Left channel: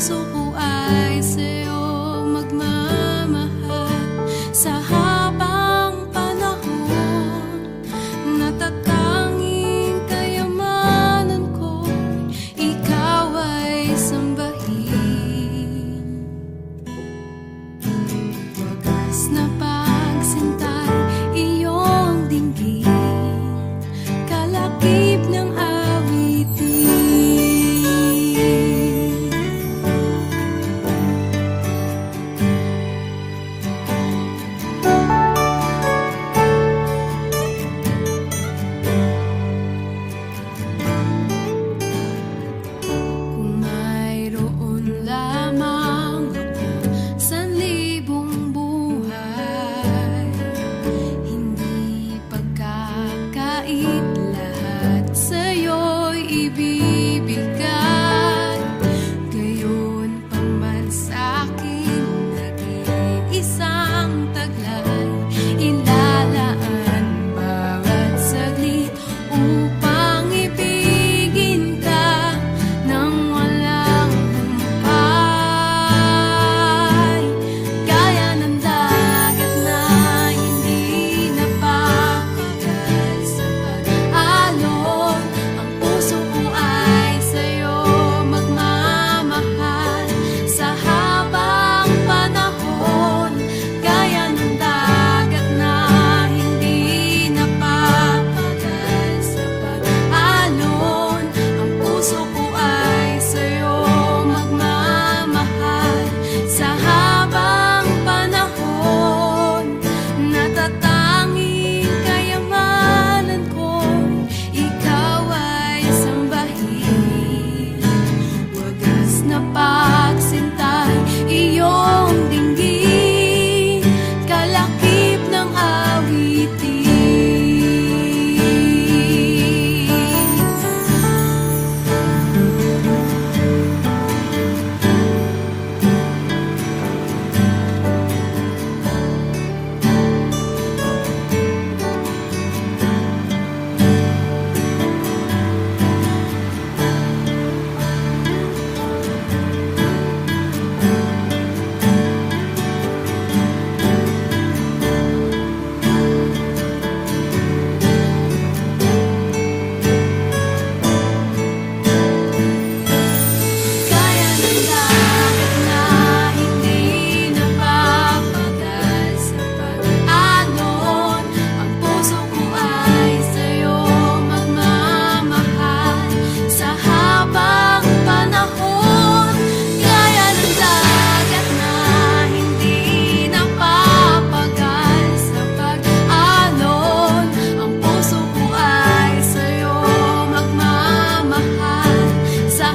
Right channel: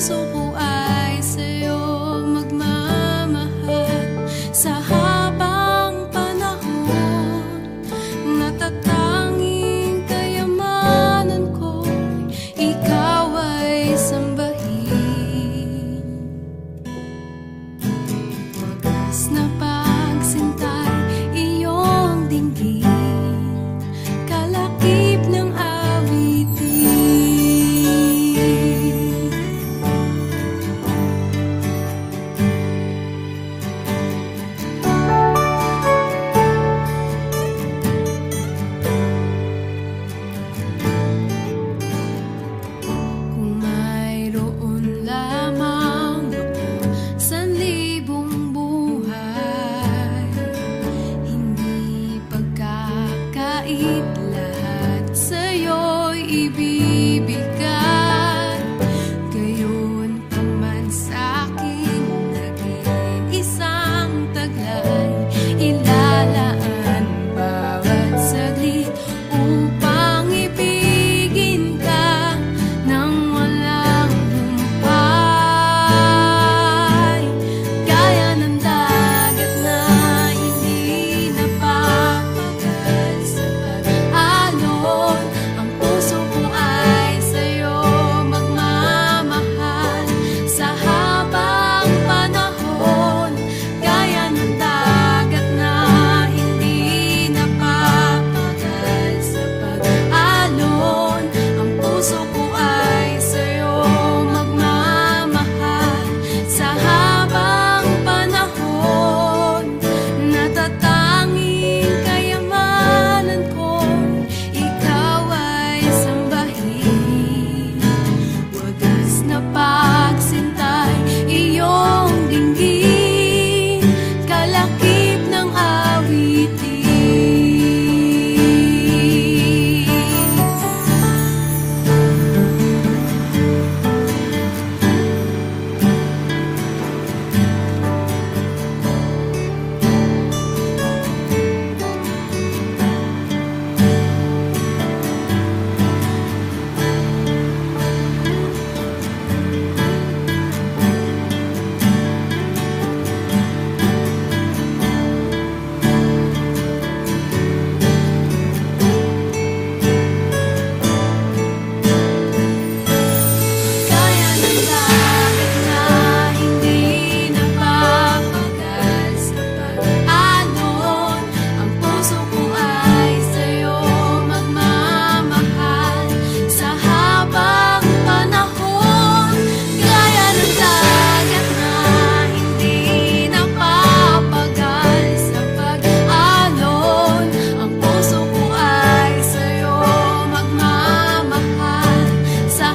puso ko ay sa'yo magmamahal. Sa habang panahon, natatanging kayamanan ko, ikaw ay sambahin. Wagas na pagsintay, iyong dinggin, kalakip ng awitin. Kung mayroon lamang ako sanlibong buhay, hindi pagkakait, lahat sa'yo'y ibibigay. Gayon pa man sa'king nag-iisang taglay, ilalaan bawat saglit upang ibigin ka nang walang humpay. Gaya ng dagat na hindi napapagal sa pag-alon, ang puso ko ay sa'yo magmamahal. Sa habang panahon, gaya ng dagat na hindi napapagal sa pag-alon, ang puso ko ay sa'yo magmamahal. Sa habang panahon, natatanging kayamanan ko, ikaw ay sambahin. Wagas na pagsintay, iyong dinggin, kalakip ng awitin. Gaya ng dagat na hindi napapagal sa pag-alon, ang puso ko ay sa'yo magmamahal. Sa habang panahon, gaya ng dagat na hindi napapagal sa pag-alon, ang puso ko ay sa'yo magmamahal. Sa